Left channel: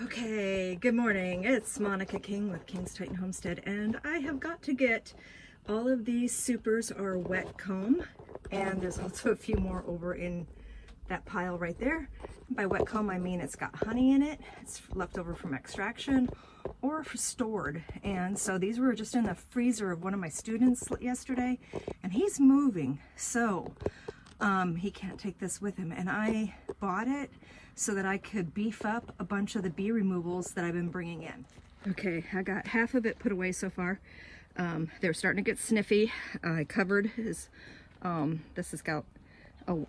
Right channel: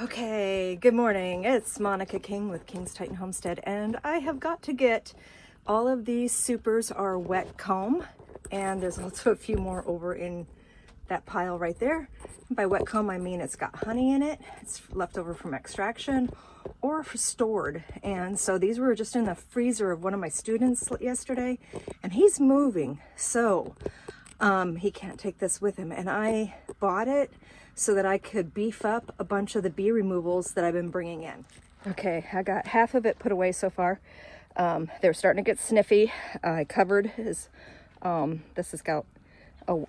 Okay, good morning. It's Monica King with King's Titan Homestead, and I have got to get all of these supers are wet comb, and there's also a few more over in that pile right there. By wet comb, I mean it's got honey in it. It's left over from extraction or stored. And so these were just in the freezer of one of my students yesterday, and he's moving. So he can't take this with him, and I bought it so that I could beef up a bunch of the bee removals that I've been bringing in. Okay, I got half of it put away so far. They're starting to get sniffy. I covered his, this has got,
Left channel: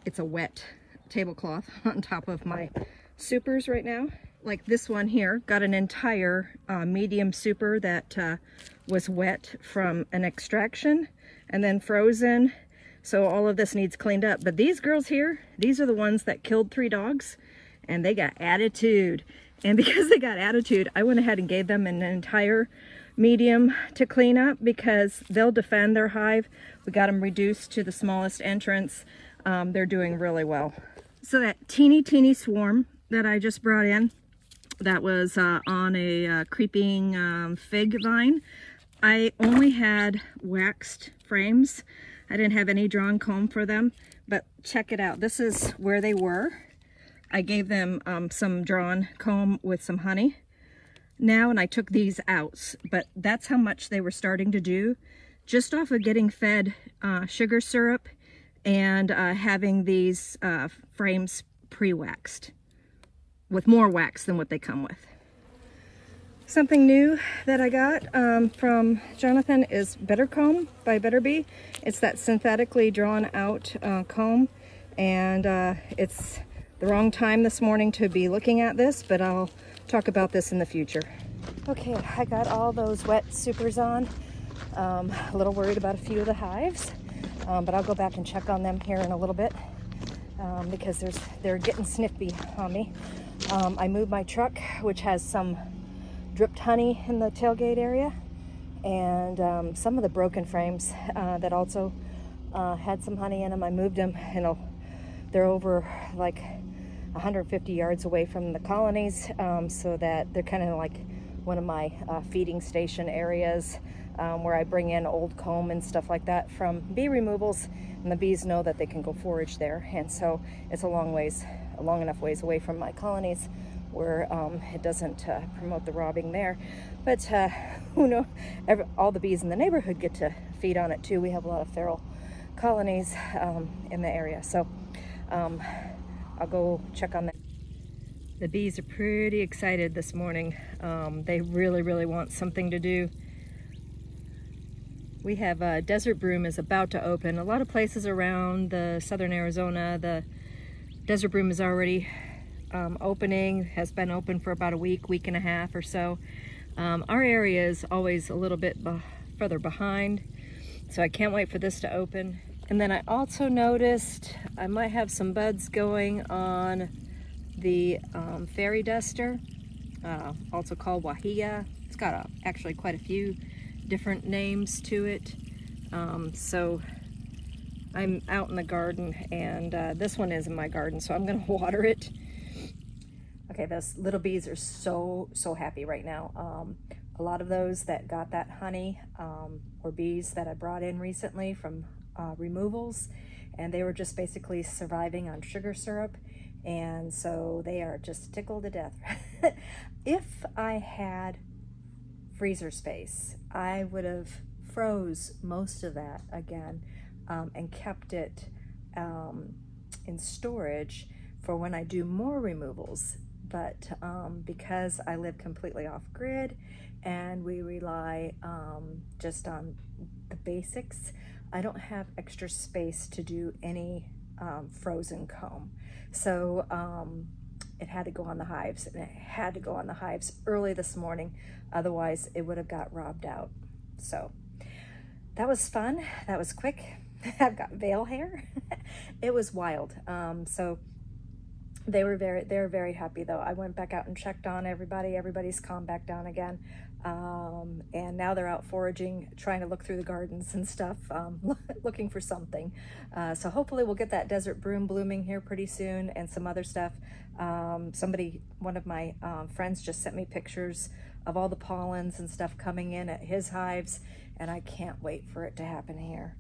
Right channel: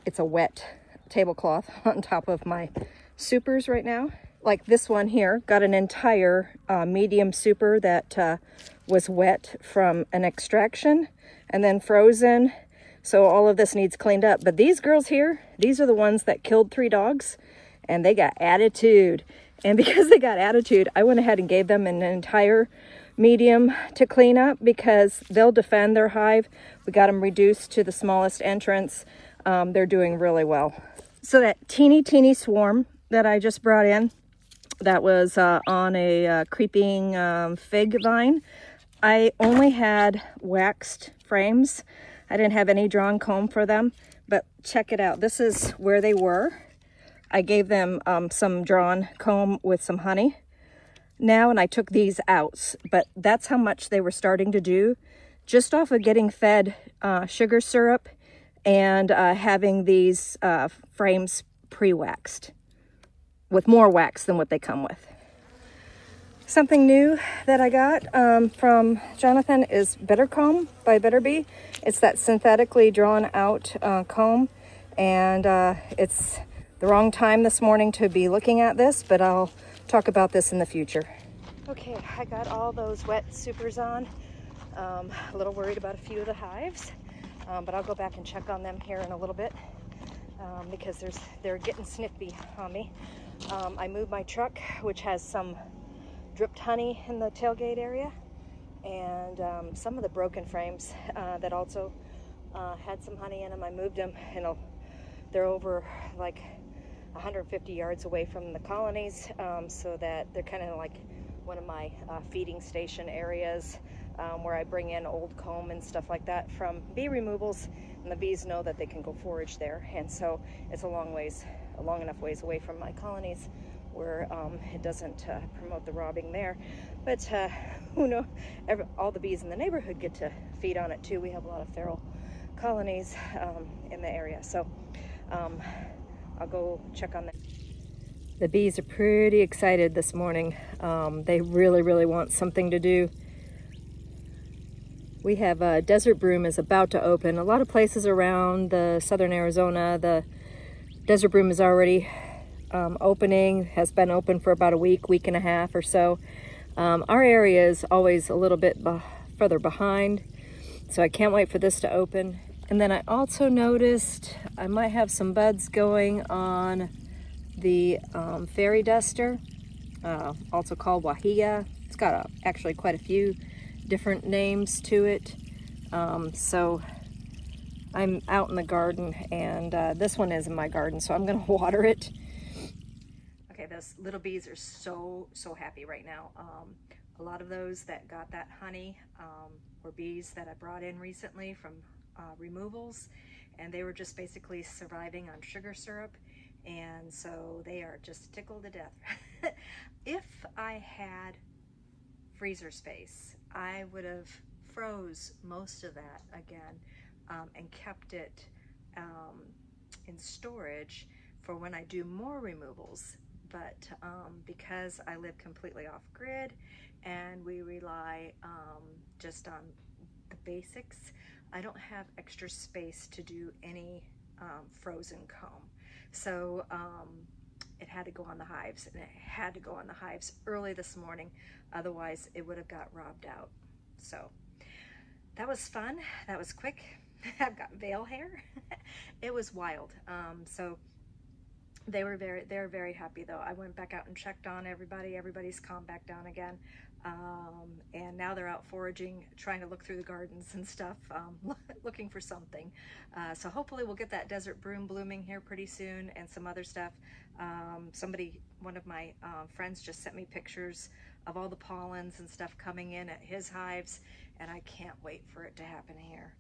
it's a wet tablecloth on top of my supers right now. Like this one here, got an entire medium super that was wet from an extraction and then frozen. So all of this needs cleaned up. But these girls here, these are the ones that killed 3 dogs, and they got attitude. And because they got attitude, I went ahead and gave them an entire medium to clean up because they'll defend their hive. We got them reduced to the smallest entrance. They're doing really well. So that teeny swarm that I just brought in, that was on a creeping fig vine. I only had waxed frames. I didn't have any drawn comb for them, but check it out. This is where they were. I gave them some drawn comb with some honey now, and I took these out, but that's how much they were starting to do just off of getting fed sugar syrup and having these frames pre-waxed with more wax than what they come with. Something new that I got from Jonathan is Better Comb by Better Bee. It's that synthetically drawn out comb, and it's the wrong time this morning to be looking at this, but I'll talk about this in the future. Okay, I got all those wet supers on. A little worried about a few of the hives, but I'll go back and check on them here in a little bit because they're getting sniffy on me. I moved my truck, which has some dripped honey in the tailgate area, and some of the broken frames that also had some honey in them. I moved them, and they're over like 150 yards away from the colonies, so that they're kind of like one of my feeding station areas where I bring in old comb and stuff like that from bee removals, and the bees know that they can go forage there. And so it's a long enough ways away from my colonies where it doesn't promote the robbing there. But who knows, all the bees in the neighborhood get to feed on it too. We have a lot of feral colonies in the area. So I'll go check on that. The bees are pretty excited this morning. They really want something to do. We have Desert Broom is about to open. A lot of places around the southern Arizona, the Desert Broom is already opening, has been open for about a week and a half or so. Our area is always a little bit further behind, so I can't wait for this to open. And then I also noticed I might have some buds going on the fairy duster, also called wahia. It's got actually quite a few different names to it. So I'm out in the garden, and this one is in my garden, so I'm gonna water it. Okay, those little bees are so happy right now. A lot of those that got that honey were bees that I brought in recently from removals, and they were just basically surviving on sugar syrup, and so they are just tickled to death. If I had freezer space, I would have froze most of that again and kept it in storage for when I do more removals. But because I live completely off grid and we rely just on the basics, I don't have extra space to do any frozen comb. So it had to go on the hives, and it had to go on the hives early this morning. Otherwise it would have got robbed out. So that was fun. That was quick. I've got veil hair. It was wild. So They're very happy though. I went back out and checked on everybody. Everybody's calmed back down again. And now they're out foraging, trying to look through the gardens and stuff, looking for something. So hopefully we'll get that desert broom blooming here pretty soon and some other stuff. One of my friends just sent me pictures of all the pollens and stuff coming in at his hives, and I can't wait for it to happen here.